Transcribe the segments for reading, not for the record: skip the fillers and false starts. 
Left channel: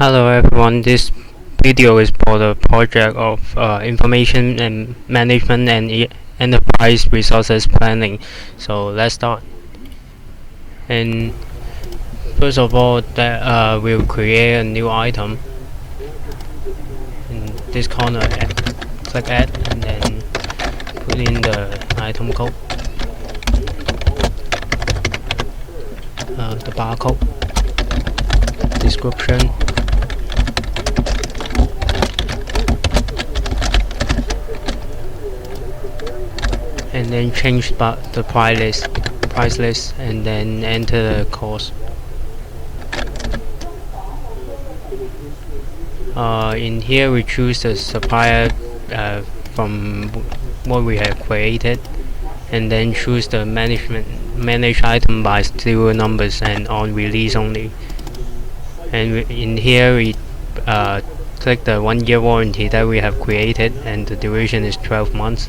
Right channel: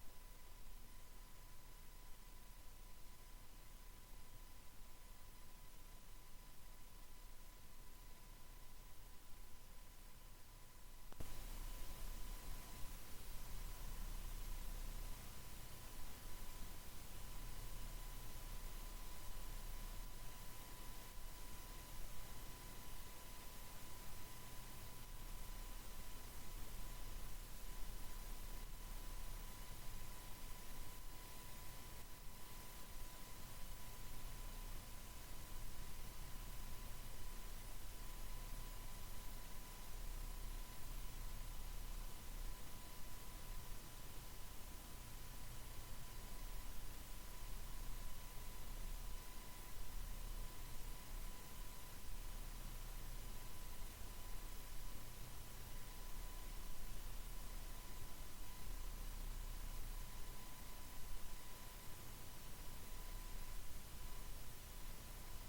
Hello everyone, this video is for the project of information and management and enterprise resources planning. So let's start. And first of all, we'll create a new item. In this corner, click add and then put in the item code, the barcode, description, and then change the price list and then enter the cost. In here we choose the supplier from what we have created, and then choose the manage item by serial numbers and on release only. And in here we click the 1-year warranty that we have created, and the duration is 12 months.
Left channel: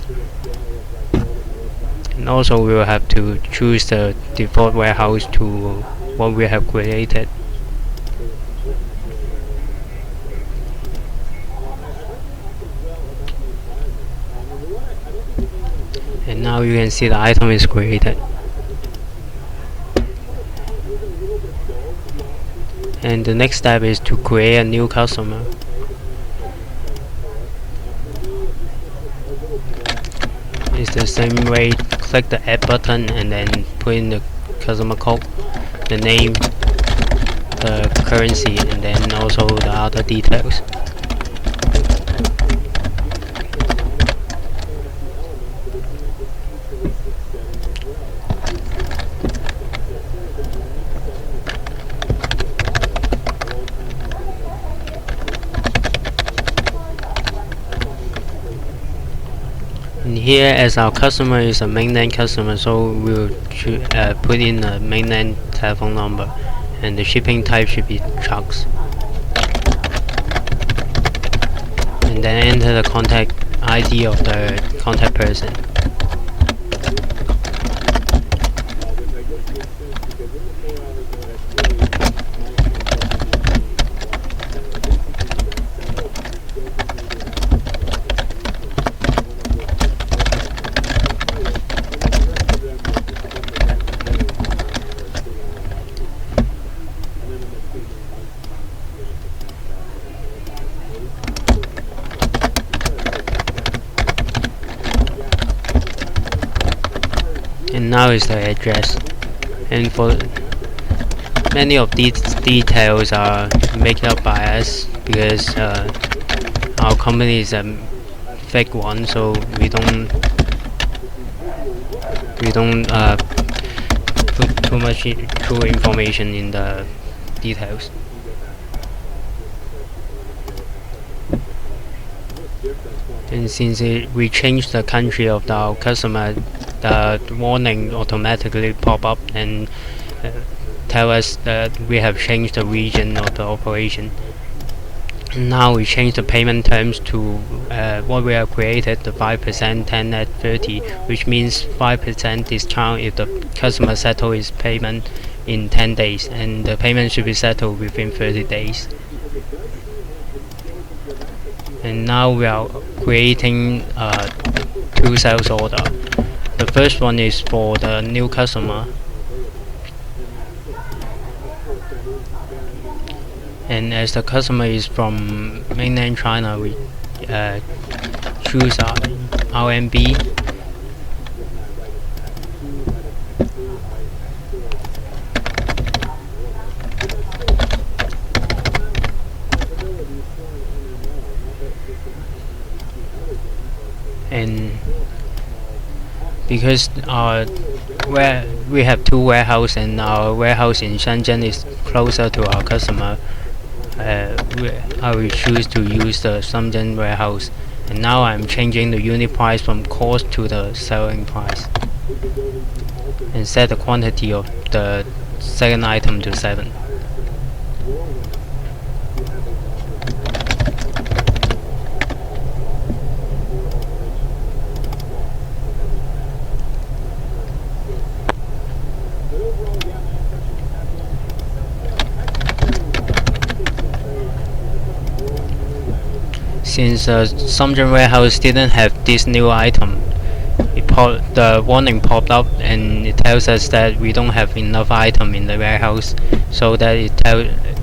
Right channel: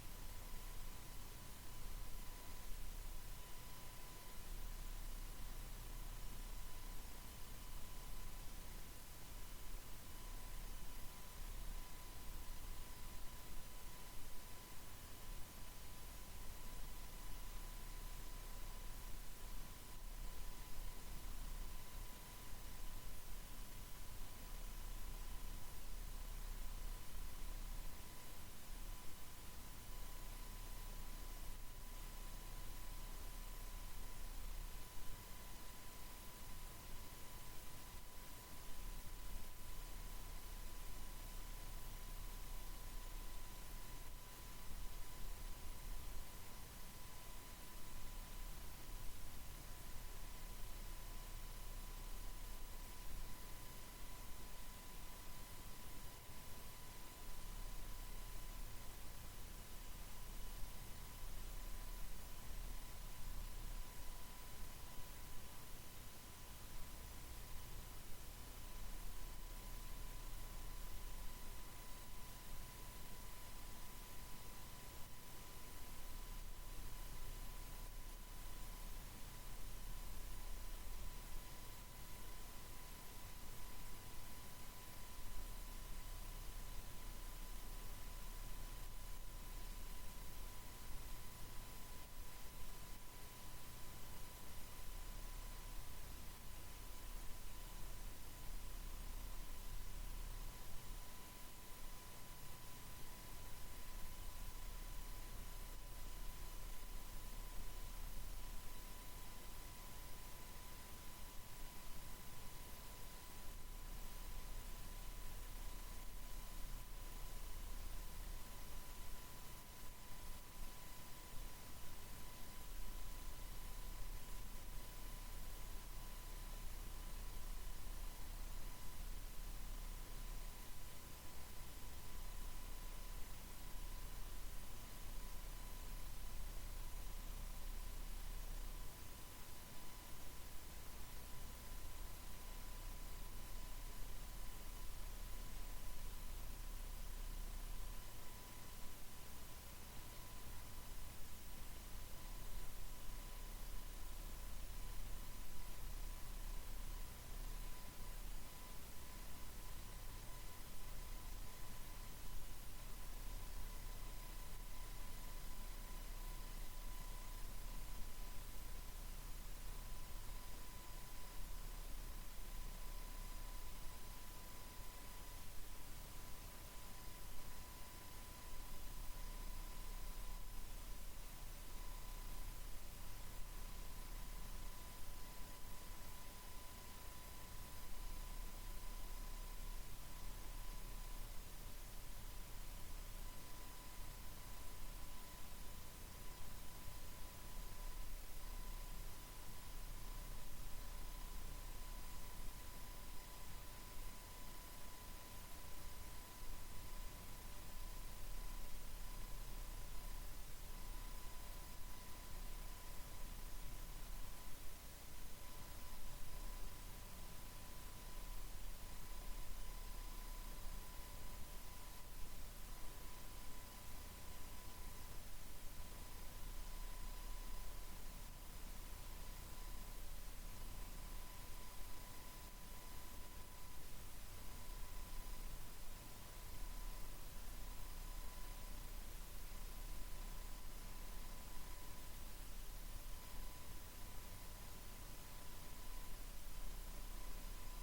And also we will have to choose the default warehouse to what we have created. And now you can see the item is created. And the next step is to create a new customer. It's the same way, click the add button and then put in the customer code, the name, the currency, and then also the other details. And here, as our customer is a mainland customer, so we'll put in a mainland telephone number, and the shipping type should be trucks. And then enter the contact ID of the contact person. And now is the address. And for many of these details are made up by us because our company is a fake one, so we don't put too much true information in the details. And since we changed the country of our customer, the warning automatically pop up and tell us that we have changed the region of the operation. Now we change the payment terms to what we have created, the 5%, 10 at 30, which means 5% discount if the customer settles his payment in 10 days, and the payment should be settled within 30 days. And now we are creating 2 sales order. The first one is for the new customer, and as the customer is from mainland China, we choose our RMB, and because we have 2 warehouses and our warehouse in Shenzhen is closer to our customer, I will choose to use the Shenzhen warehouse. And now I'm changing the unit price from cost to the selling price, and set the quantity of the second item to 7. Since Summer Warehouse didn't have this new item, the warning popped up and it tells us that we don't have enough item in the warehouse, so that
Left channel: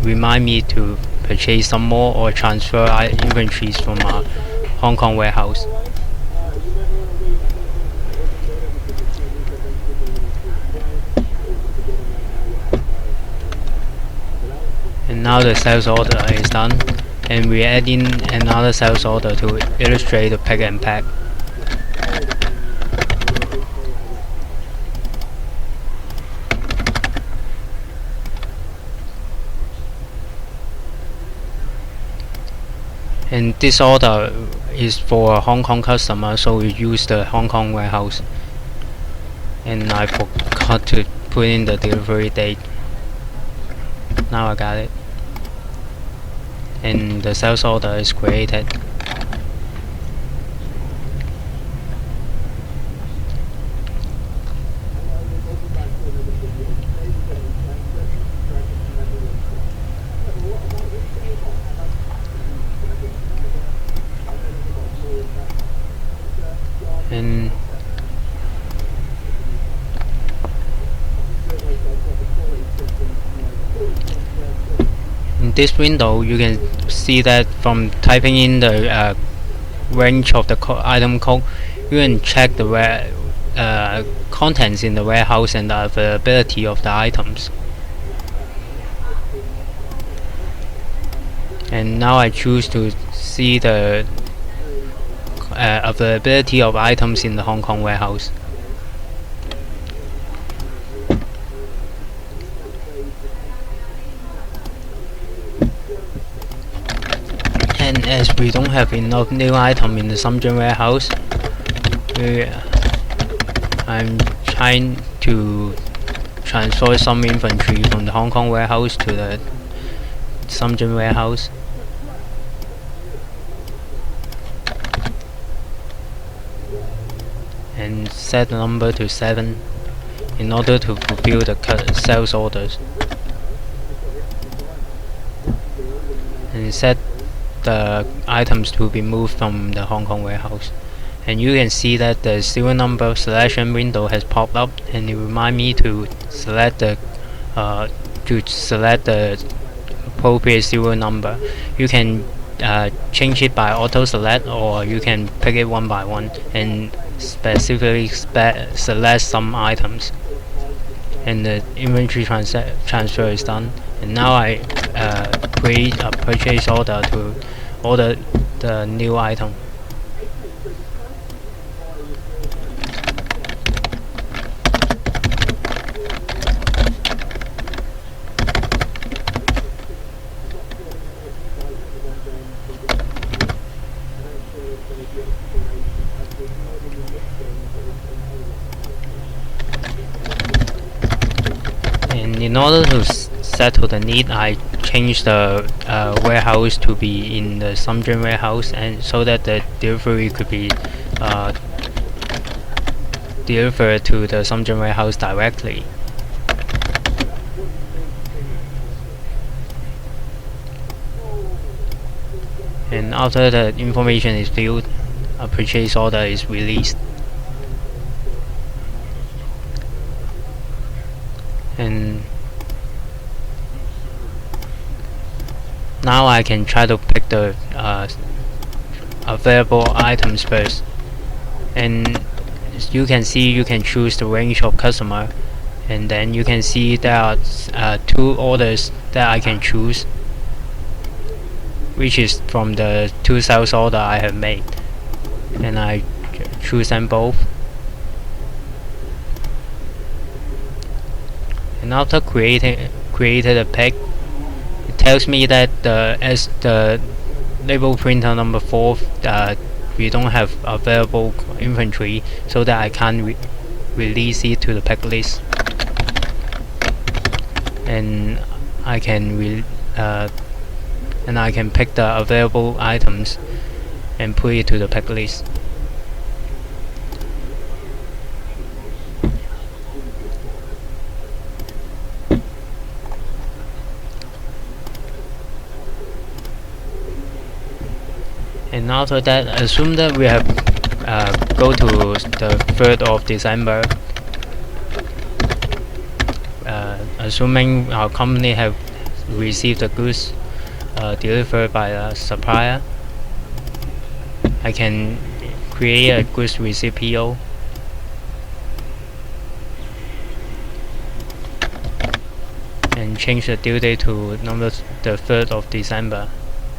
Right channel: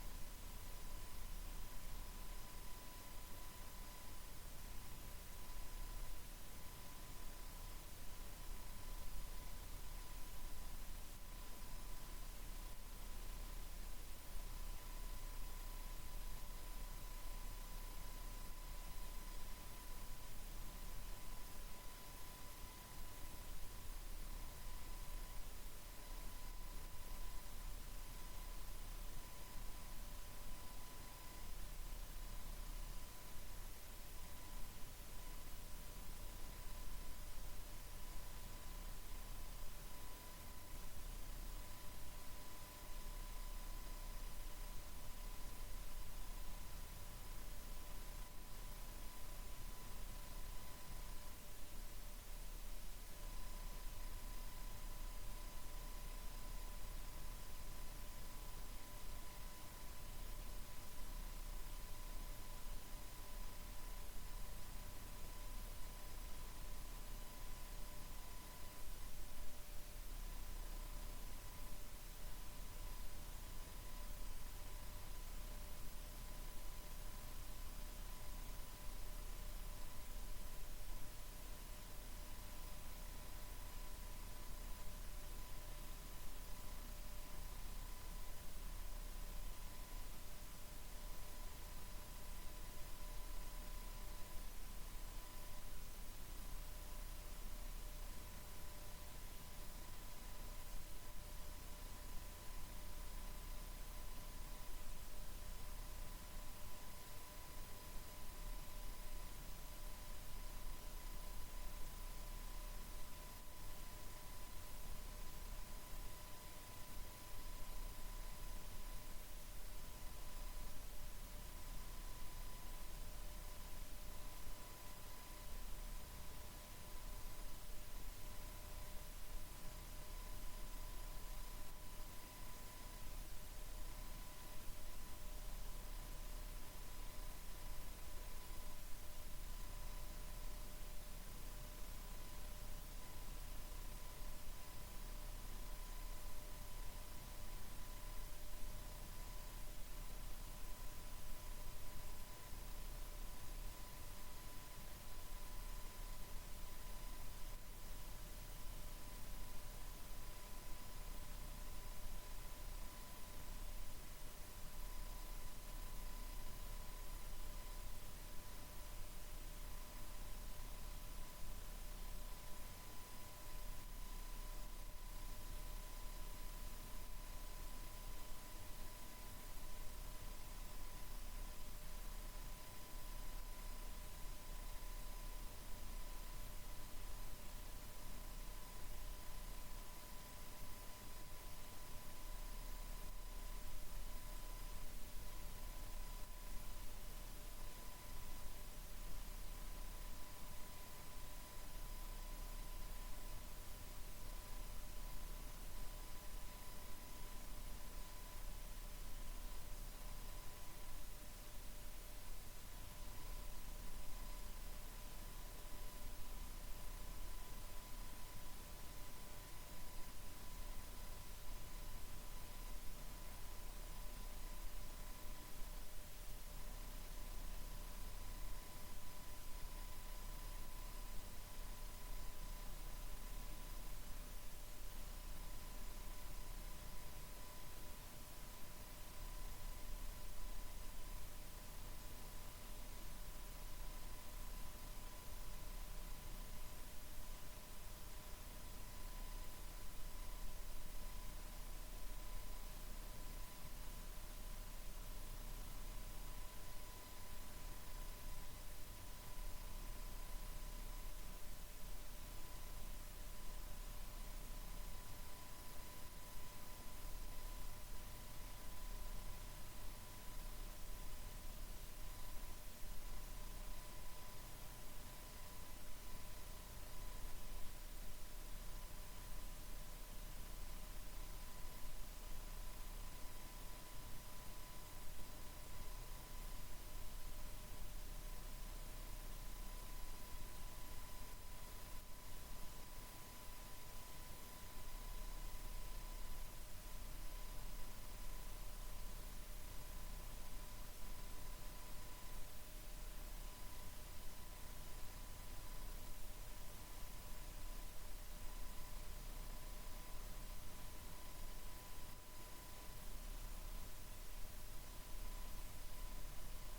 remind me to purchase some more or transfer inventories from our Hong Kong warehouse. And now the sales order is done, and we add in another sales order to illustrate the pick and pack. And this order is for a Hong Kong customer, so we use the Hong Kong warehouse. And I forgot to put in the delivery date. Now I got it. And the sales order is created. And in this window, you can see that from typing in the range of the item code, you can check the contents in the warehouse and the availability of the items. And now I choose to see the availability of items in the Hong Kong warehouse. And as we don't have enough new item in the Shenzhen warehouse, I'm trying to transfer some inventory from the Hong Kong warehouse to the Shenzhen warehouse. And set the number to 7 in order to fulfill the sales orders. And set the items to be moved from the Hong Kong warehouse. And you can see that the serial number selection window has popped up, and it reminds me to select the appropriate serial number. You can change it by auto select, or you can pick it one by one and specifically select some items. And the inventory transfer is done. And now I create a purchase order to order the new item. And in order to settle the need, I changed the warehouse to be in the Shenzhen warehouse, and so that the delivery could be delivered to the Shenzhen warehouse directly. And after the information is filled, a purchase order is released. And now I can try to pick the available items first. And as you can see, you can choose the range of customer, and then you can see there are 2 orders that I can choose, which is from the 2 sales order I have made, and I choose them both. And after created a pick, it tells me that as the label printer number 4, we don't have available inventory, so that I can't release it to the pick list. And I can pick the available items and put it to the pick list. And after that, assume that we have go to the 3rd of December, assuming our company have received the goods delivered by a supplier. I can create a goods receipt PO and change the due date to the 3rd of December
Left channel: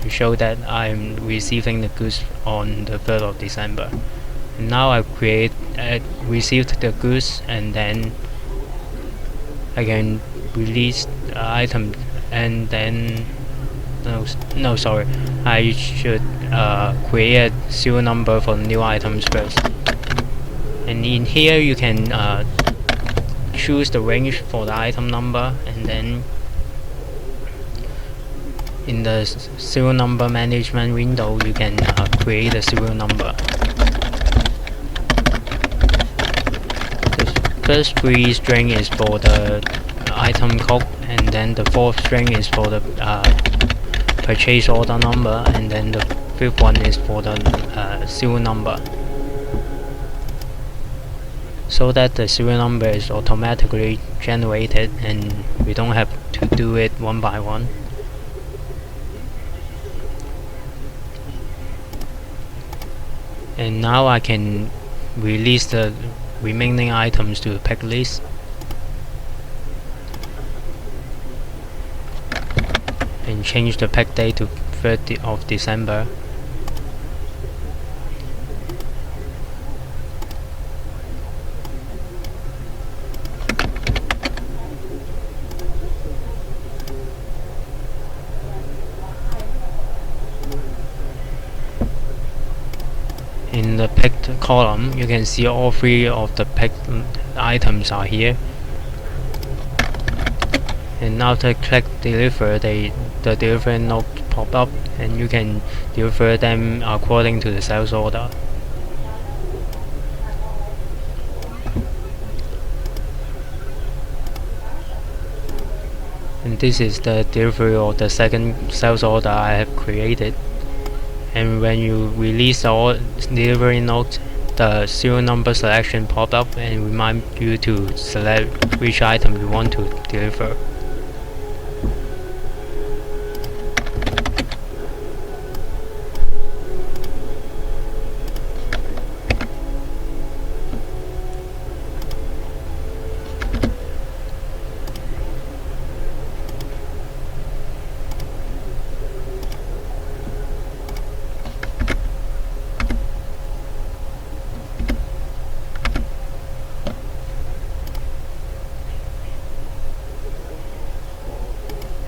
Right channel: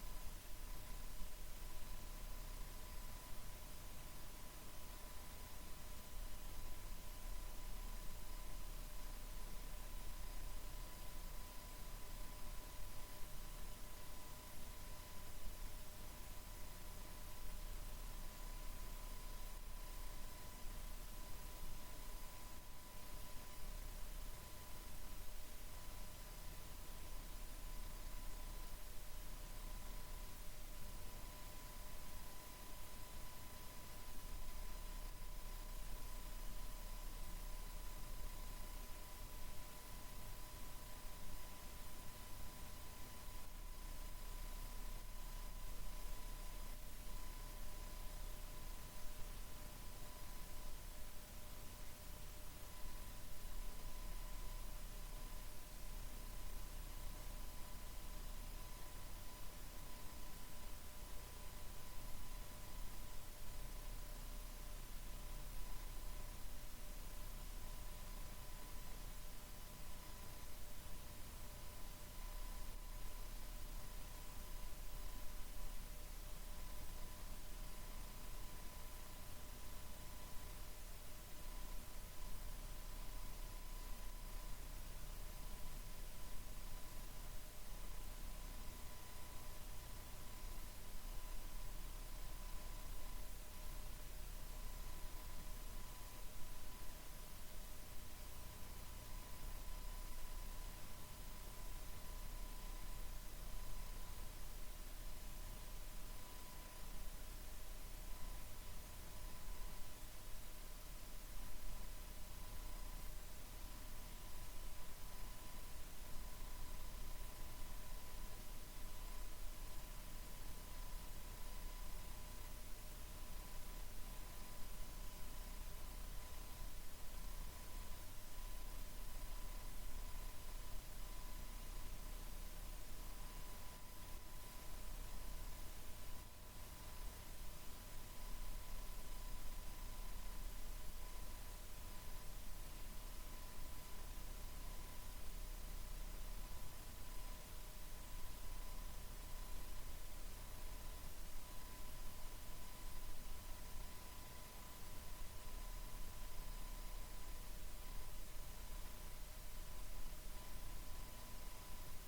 to show that I'm receiving the goods on the 3rd of December. And now I've received the goods, and then I can release the item, and then no, sorry, I should create a serial number for new items first. And in here you can choose the range for the item number, and then in the serial number management window you can create a serial number. The first 3 string is for the item code, and then the 4th string is for the purchase order number, and then the 5th one is for the serial number, so that the serial number is automatically generated and we don't have to do it one by one. And now I can release the remaining items to the pick list. And change the pick date to 3rd of December. In the picked column, you can see all 3 of the picked items are here. And after click deliver, the delivery note pop up, and you can deliver them according to the sales order. And this is the delivery of the second sales order I have created. And when you release the delivery note, the serial number selection pop up and remind you to select which item you want to deliver.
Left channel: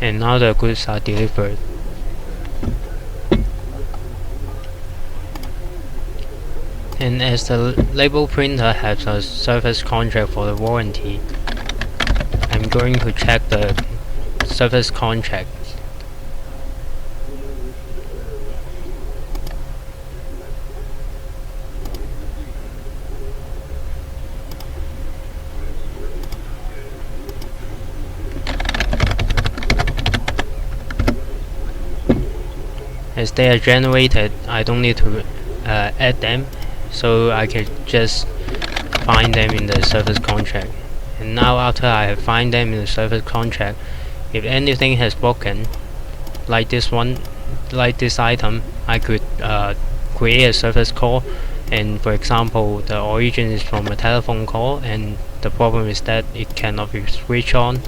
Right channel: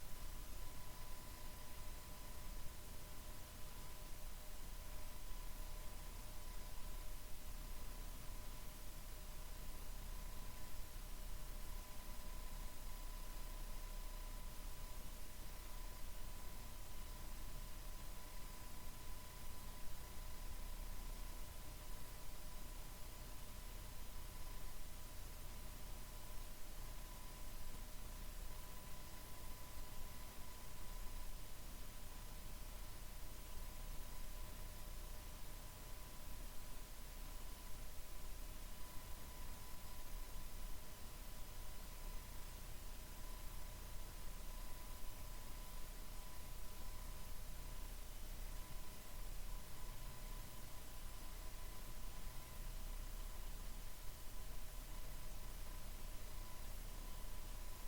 And now the goods are delivered. And as the label printer has a service contract for the warranty, I'm going to check the service contract. As they are generated, I don't need to add them, so I can just find them in the service contract. And now after I have find them in the service contract, if anything has broken, like this item, I could create a service call. And for example, the origin is from a telephone call, and the problem is that it cannot be switched on,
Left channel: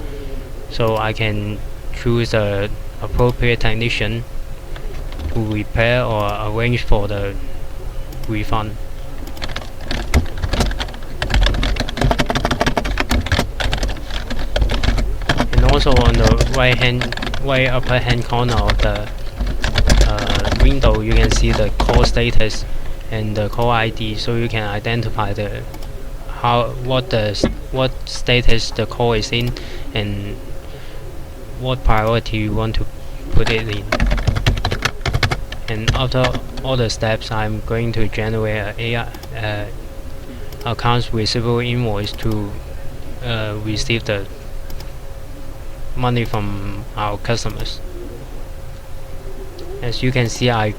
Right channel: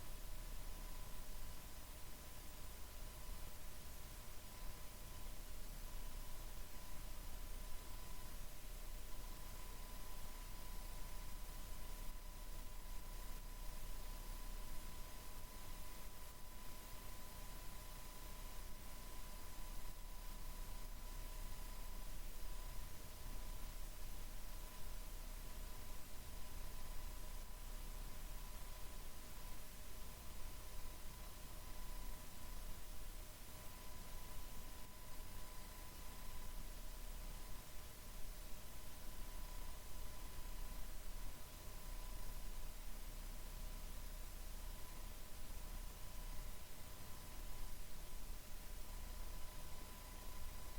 so I can choose the appropriate technician to repair or arrange for the refund. And also on the right upper hand corner of the window, you can see the call status and the call ID, so you can identify what status the call is in and what priority you want to put it in. And after all the steps, I'm going to generate a accounts receivable invoice to receive the money from our customers. As you can see, I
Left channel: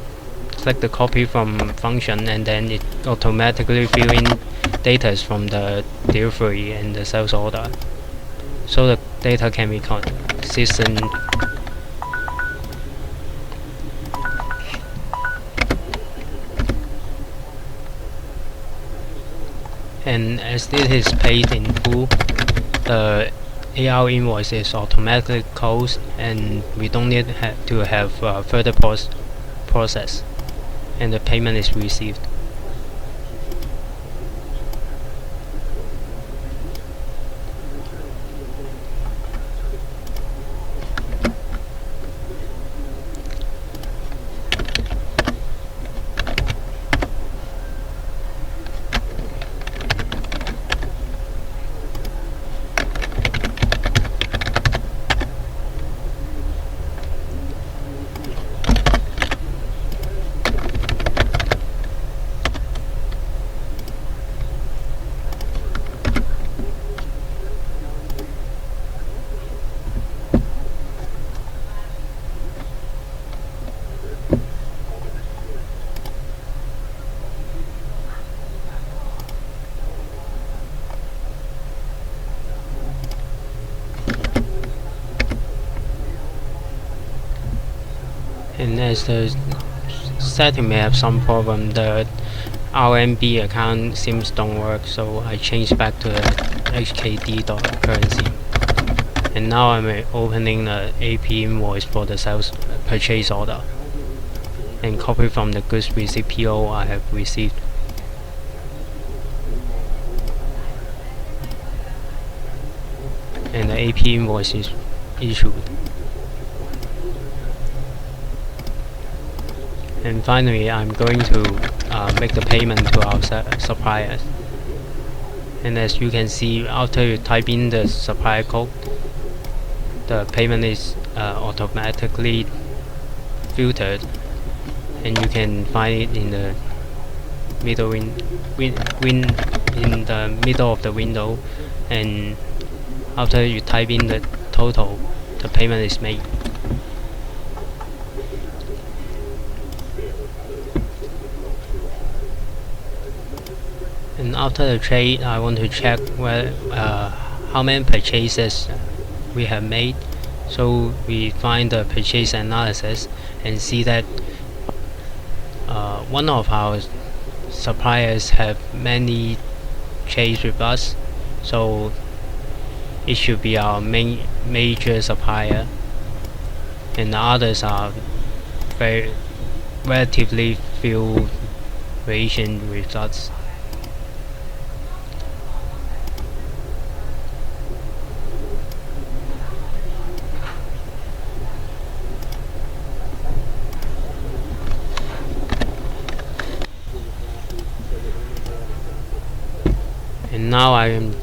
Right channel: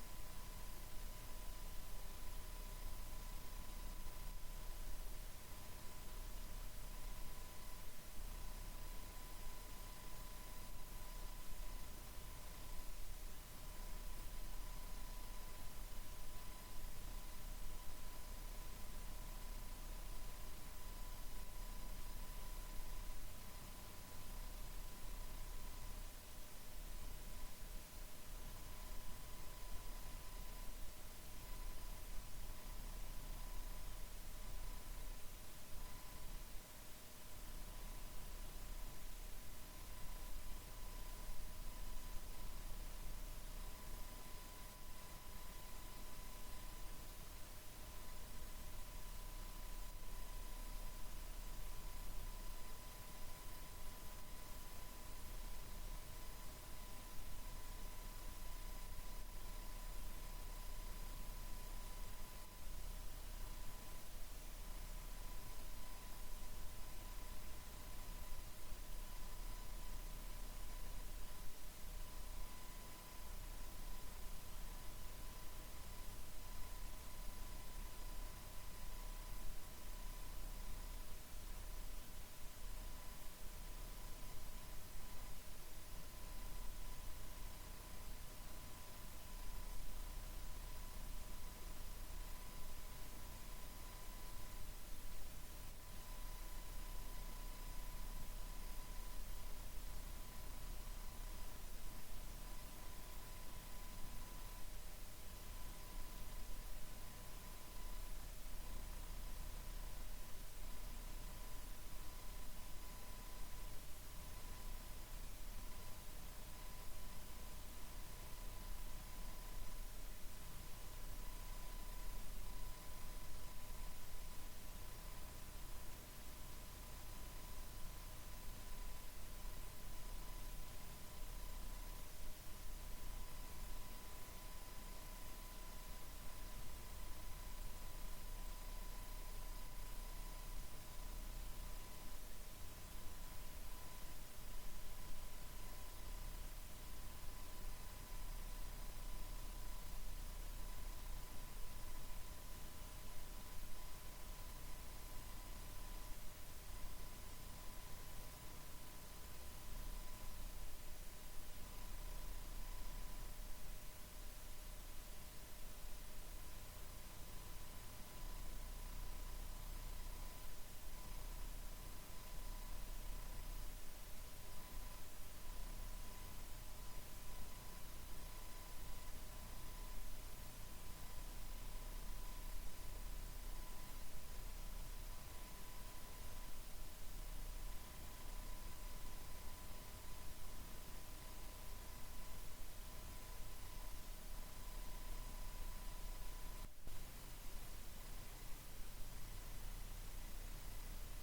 click the copy from function, and then it automatically fill in data from the delivery and the sales order, so the data can be consistent. And as this is paid in full, the AR invoice is automatically closed, and we don't need to have further process, and the payment is received. And as the setting may have some problem, the RMB account seems don't work, so I changed back to the HKD currency. And now I'm opening the AP invoice for the sales purchase order, and copy from the goods receipt PO I have received. And the AP invoice is issued. And finally, I'm going to make the payment to our suppliers. And as you can see, after you type in the supplier code, the payment is automatically filtered, and you can find it in the middle in the middle of the window. And after you type in the total, the payment is made. And after the trade, I want to check how many purchases we have made. So we find the purchase analysis and see that one of our suppliers have many trades with us, so it should be our major supplier, and the others are very relatively few variation with us. And now I am